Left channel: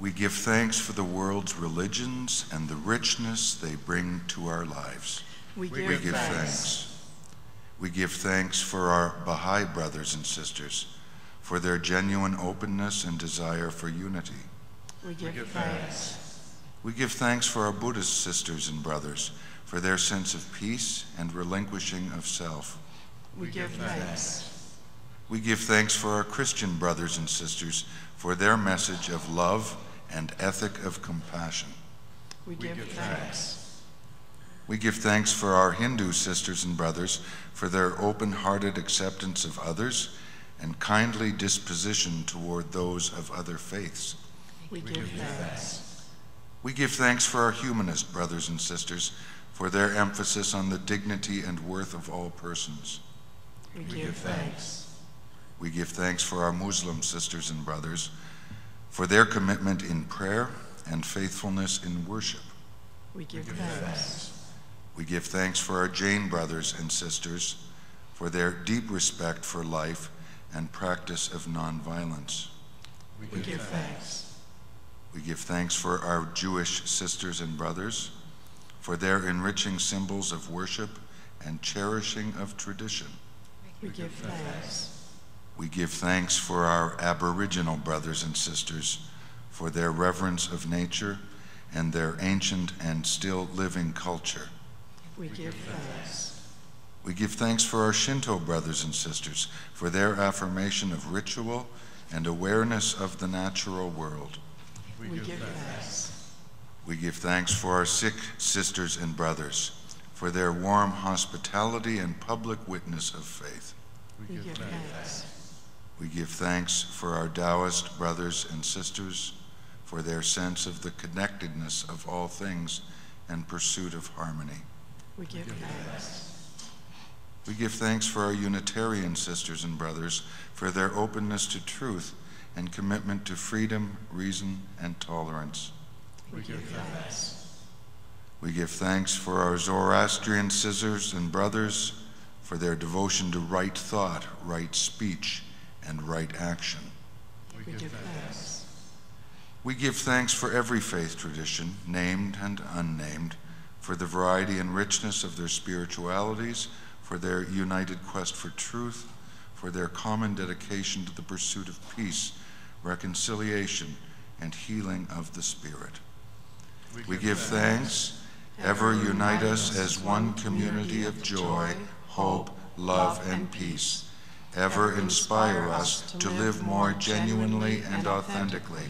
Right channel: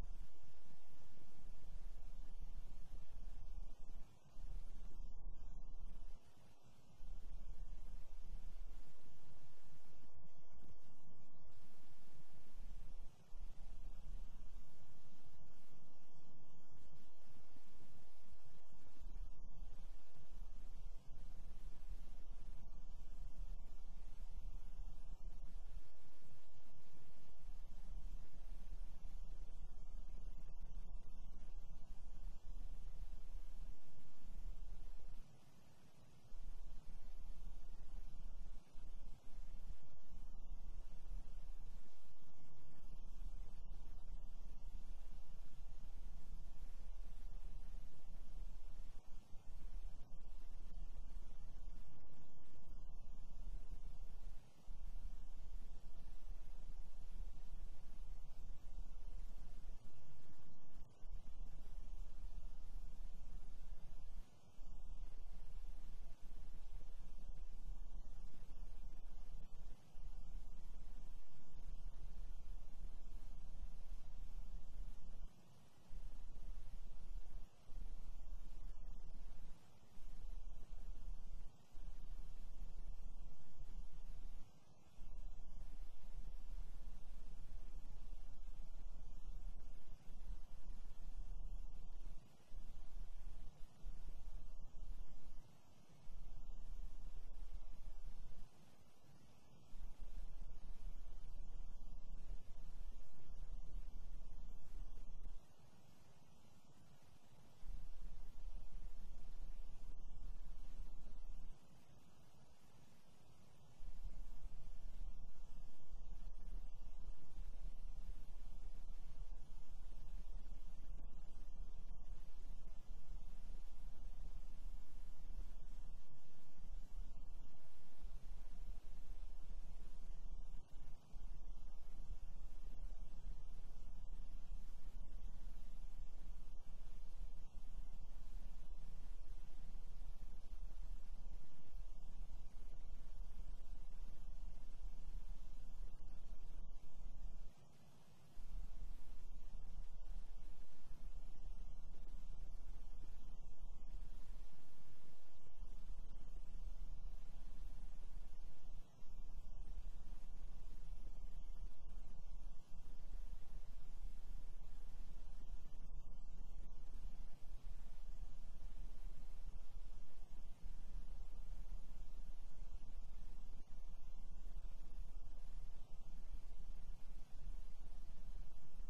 We give thanks for the world's religions and the richness they bring to our lives. We give thanks. We give thanks for our Baha'i brothers and sisters, for their genuine openness and desire for unity. We give thanks. We give thanks for our Buddhist sisters and brothers, for their sense of peace and relinquishing of self. We give thanks. We give thanks for our Christian brothers and sisters, for their message of love and ethic of compassion. We give thanks. We give thanks for our Hindu sisters and brothers, for their open-hearted acceptance of others and kindly disposition toward those of other faiths. We give thanks. We give thanks for our humanist brothers and sisters, for their emphasis on the dignity and worth of all persons. We give thanks. We give thanks for our Muslim sisters and brothers, for their commitment in prayer and faithfulness in worship. We give thanks. We give thanks for our Jain brothers and sisters, for their deep respect for life and practice of nonviolence. We give thanks. We give thanks for our Jewish sisters and brothers, for their enriching symbols of worship and cherishing of tradition. We give thanks. We give thanks for our Aboriginal brothers and sisters, for their reverence of nature and their ancient and still living culture. We give thanks. We give thanks for our Shinto brothers and sisters, for their affirmation of ritual and awareness of the natural world. We give thanks. We give thanks for our Sikh sisters and brothers, for their warm hospitality and public witness of faith. We give thanks. We give thanks for our Taoist brothers and sisters, for their sense of the connectedness of all things and pursuit of harmony. We give thanks. We give thanks for our Unitarian sisters and brothers, for their openness to truth and commitment to freedom, reason, and tolerance. We give thanks. We give thanks for our Zoroastrian sisters and brothers, for their devotion to right thought, right speech, and right action. We give thanks. We give thanks for every faith tradition, named and unnamed, for the variety and richness of their spiritualities, for their united quest for truth, for their common dedication to the pursuit of peace, reconciliation, and healing of the Spirit. We give thanks, ever unite us as one community of joy, hope, love, and peace. Ever inspire us to live more genuinely and authentically,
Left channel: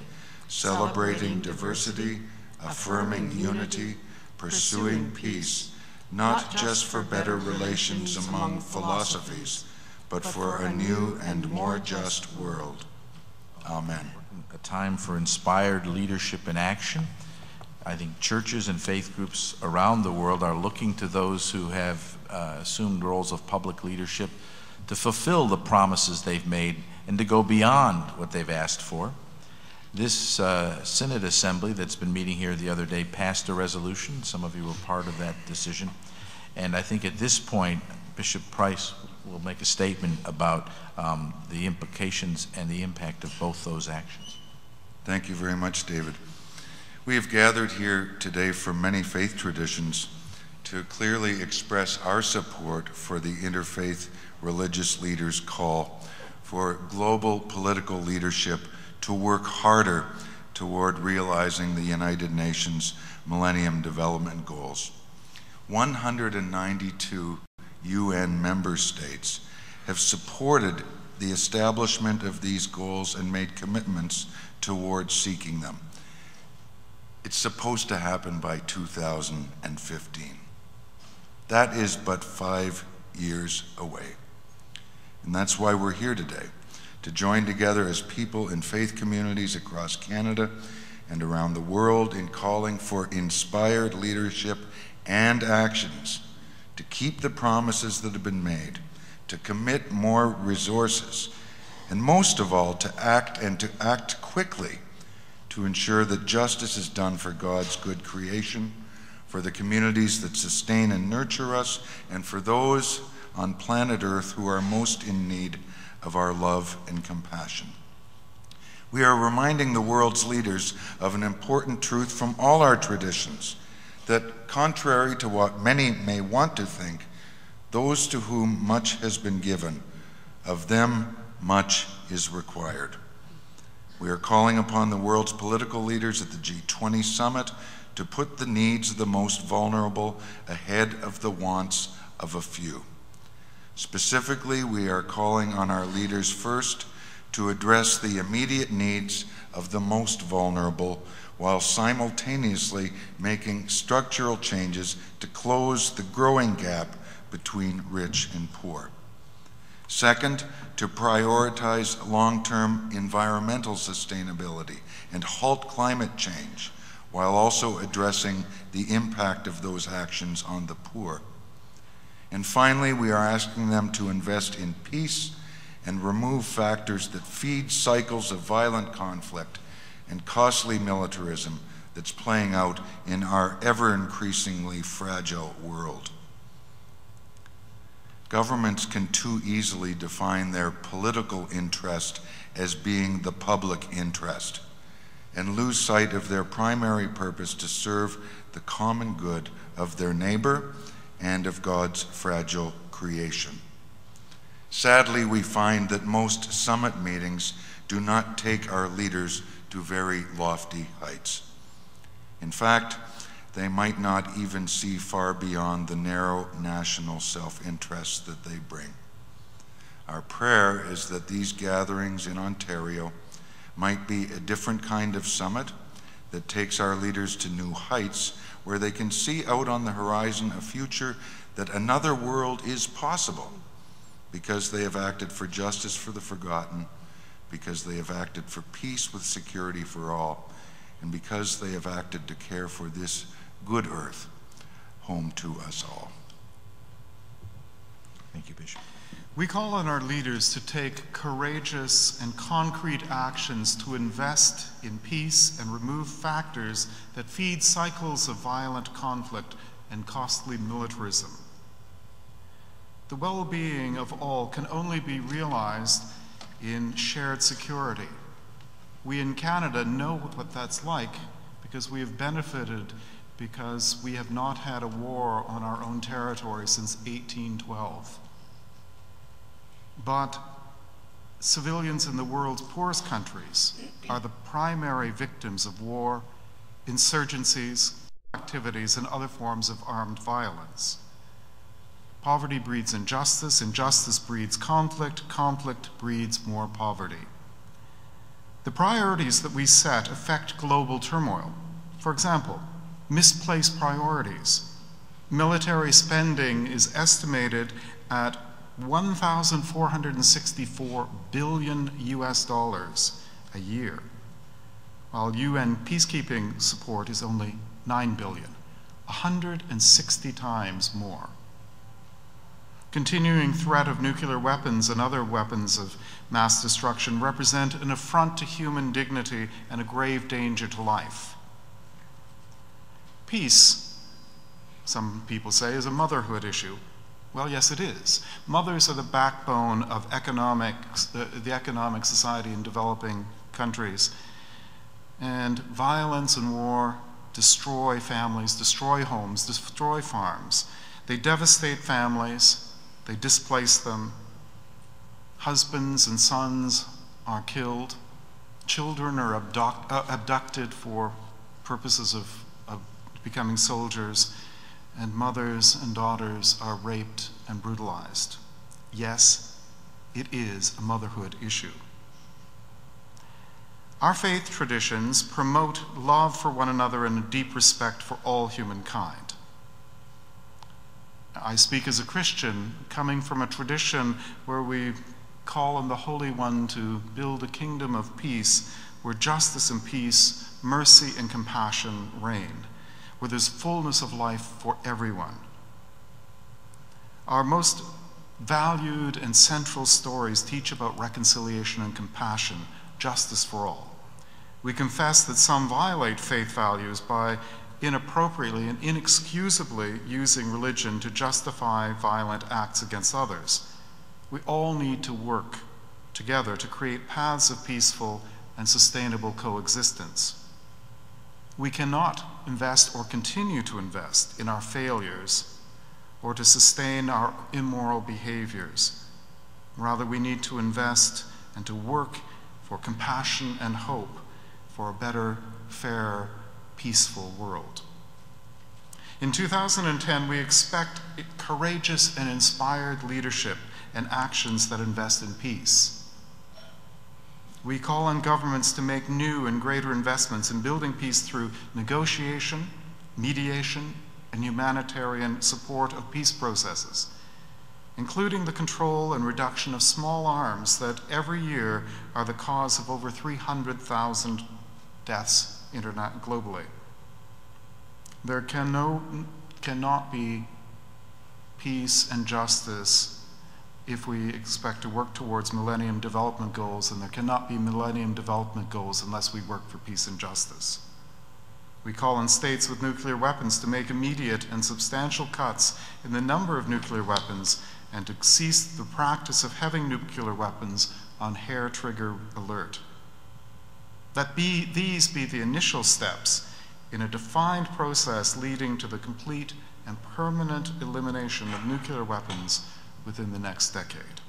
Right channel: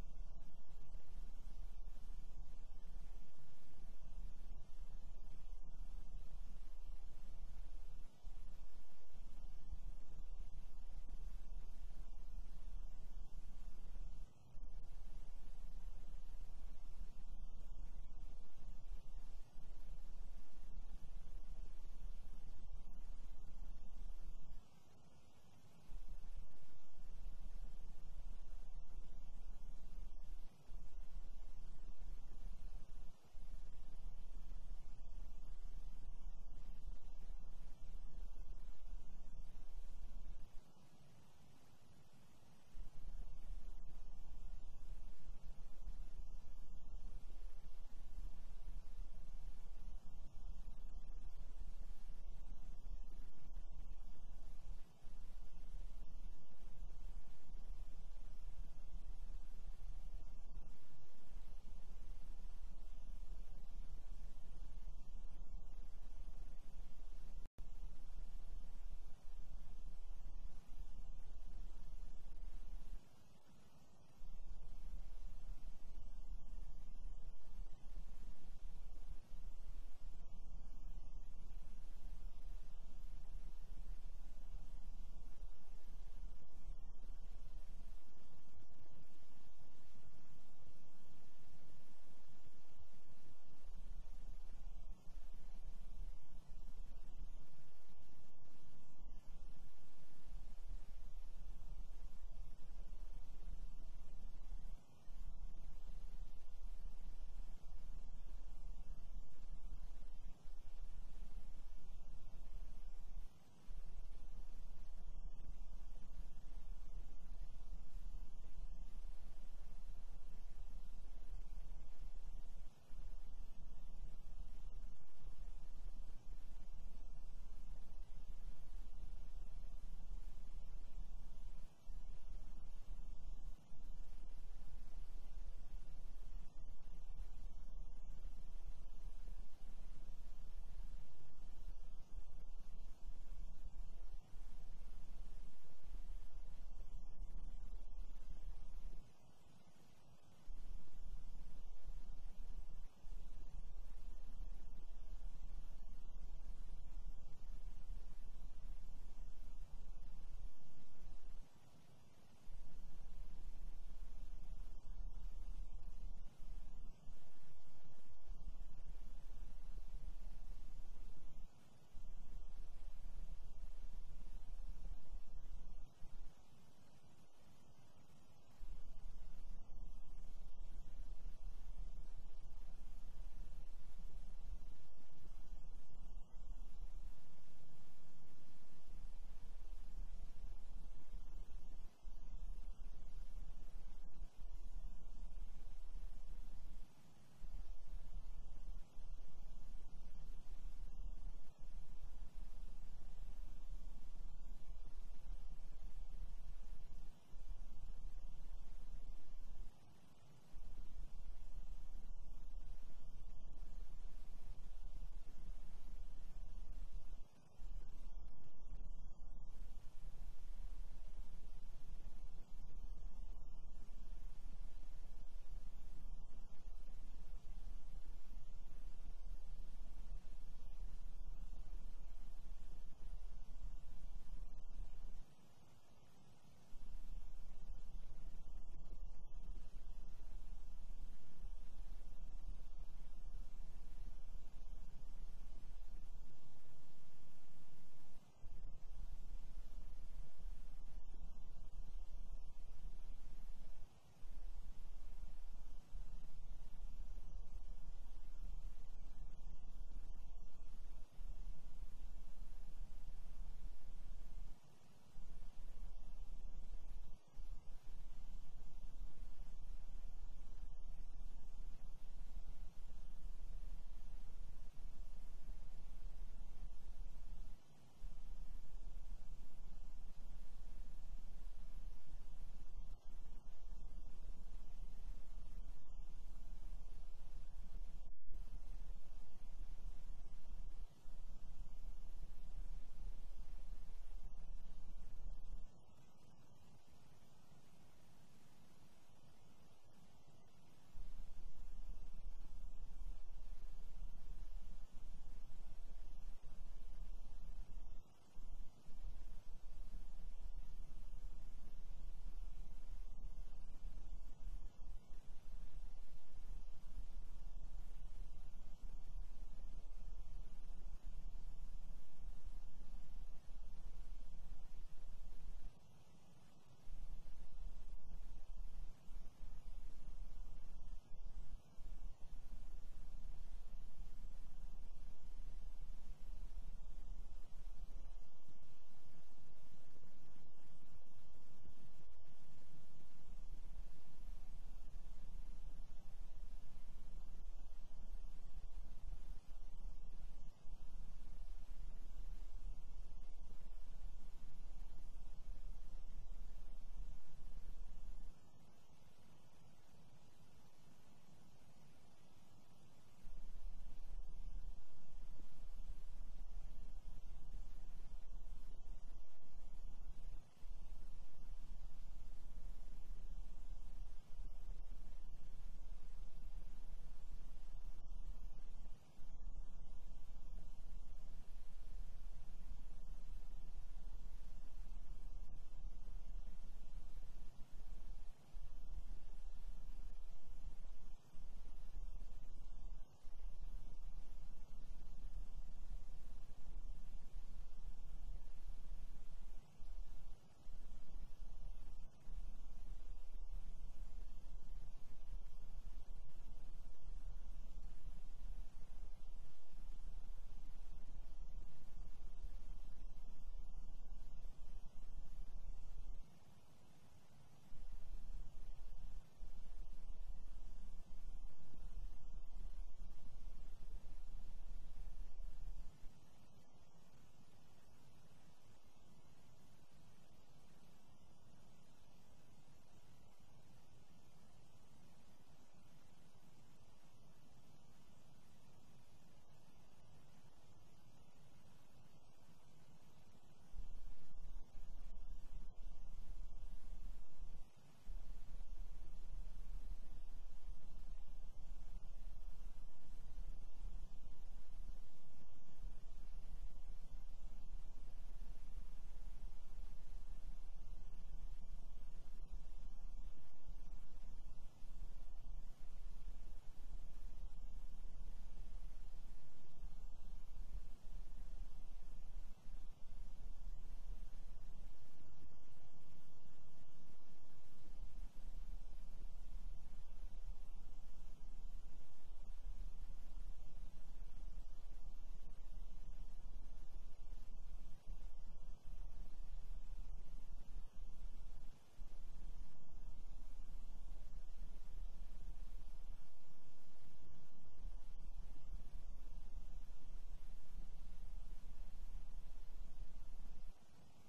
celebrating diversity, affirming unity, pursuing peace, not just for better relations among philosophies, but for a new and more just world. Amen. A time for inspired leadership and action. I think churches and faith groups around the world are looking to those who have assumed roles of public leadership to fulfill the promises they've made and to go beyond what they've asked for. This Synod Assembly that's been meeting here the other day passed a resolution. Some of you were part of that decision. And I think at this point, Bishop Pryse will make a statement about the implications and the impact of both those actions. Thank you very much, David. We have gathered here today from many faith traditions to clearly express our support for the Interfaith Religious Leaders' call for global political leadership to work harder toward realizing the United Nations Millennium Development Goals. 192 UN member states have supported the establishment of these goals and made commitments towards seeking them. It's supposed to happen by 2015. That is but 5 years away. And that's why we're here today, to join together as people in faith communities across Canada and around the world in calling for inspired leadership and actions to keep the promises that have been made, to commit more resources, and most of all, to act quickly to ensure that justice is done for God's good creation, for the communities that sustain and nurture us, and for those on planet Earth who are most in need of our love and compassion. We are reminding the world's leaders of an important truth from all our traditions, that contrary to what many may want to think, those to whom much has been given, of them much is required. We are calling upon the world's political leaders at the G20 summit to put the needs of the most vulnerable ahead of the wants of a few. Specifically, we are calling on our leaders first to address the immediate needs of the most vulnerable, while simultaneously making structural changes to close the growing gap between rich and poor. Second, to prioritize long-term environmental sustainability and halt climate change, while also addressing the impact of those actions on the poor. And finally, we are asking them to invest in peace and remove factors that feed cycles of violent conflict and costly militarism that's playing out in our ever-increasingly fragile world. Governments can too easily define their political interest as being the public interest and lose sight of their primary purpose to serve the common good of their neighbor and of God's fragile creation. Sadly, we find that most summit meetings do not take our leaders to very lofty heights. In fact, they might not even see far beyond the narrow national self-interests that they bring. Our prayer is that these gatherings in Ontario might be a different kind of summit that takes our leaders to new heights, where they can see out on the horizon a future that another world is possible, because they have acted for justice for the forgotten, because they have acted for peace with security for all, and because they have acted to care for this good earth, home to us all. Thank you, Bishop. We call on our leaders to take courageous and concrete actions to invest in peace and remove factors that feed cycles of violent conflict and costly militarism. The well-being of all can only be realized in shared security. We in Canada know what that's like because we have benefited because we have not had a war on our own territory since 1812. But civilians in the world's poorest countries are the primary victims of war, insurgencies, activities, and other forms of armed violence. Poverty breeds injustice, injustice breeds conflict, conflict breeds more poverty. The priorities that we set affect global turmoil. For example, misplaced priorities. Military spending is estimated at $1,464 billion a year, while UN peacekeeping support is only $9 billion, 160 times more. Continuing threat of nuclear weapons and other weapons of mass destruction represent an affront to human dignity and a grave danger to life. Peace, some people say, is a motherhood issue. Well, yes, it is. Mothers are the backbone of the economic society in developing countries. And violence and war destroy families, destroy homes, destroy farms. They devastate families, they displace them. Husbands and sons are killed. Children are abducted for purposes of becoming soldiers. And mothers and daughters are raped and brutalized. Yes, it is a motherhood issue. Our faith traditions promote love for one another and a deep respect for all humankind. I speak as a Christian, coming from a tradition where we call on the Holy One to build a kingdom of peace, where justice and peace, mercy and compassion reign, where there's fullness of life for everyone. Our most valued and central stories teach about reconciliation and compassion, justice for all. We confess that some violate faith values by inappropriately and inexcusably using religion to justify violent acts against others. We all need to work together to create paths of peaceful and sustainable coexistence. We cannot invest or continue to invest in our failures or to sustain our immoral behaviors. Rather, we need to invest and to work for compassion and hope for a better, fair, peaceful world. In 2010, we expect courageous and inspired leadership and actions that invest in peace. We call on governments to make new and greater investments in building peace through negotiation, mediation, and humanitarian support of peace processes, including the control and reduction of small arms that every year are the cause of over 300,000 deaths globally. There cannot be peace and justice if we expect to work towards Millennium Development Goals, and there cannot be Millennium Development Goals unless we work for peace and justice. We call on states with nuclear weapons to make immediate and substantial cuts in the number of nuclear weapons and to cease the practice of having nuclear weapons on hair-trigger alert. These be the initial steps in a defined process leading to the complete and permanent elimination of nuclear weapons within the next decade.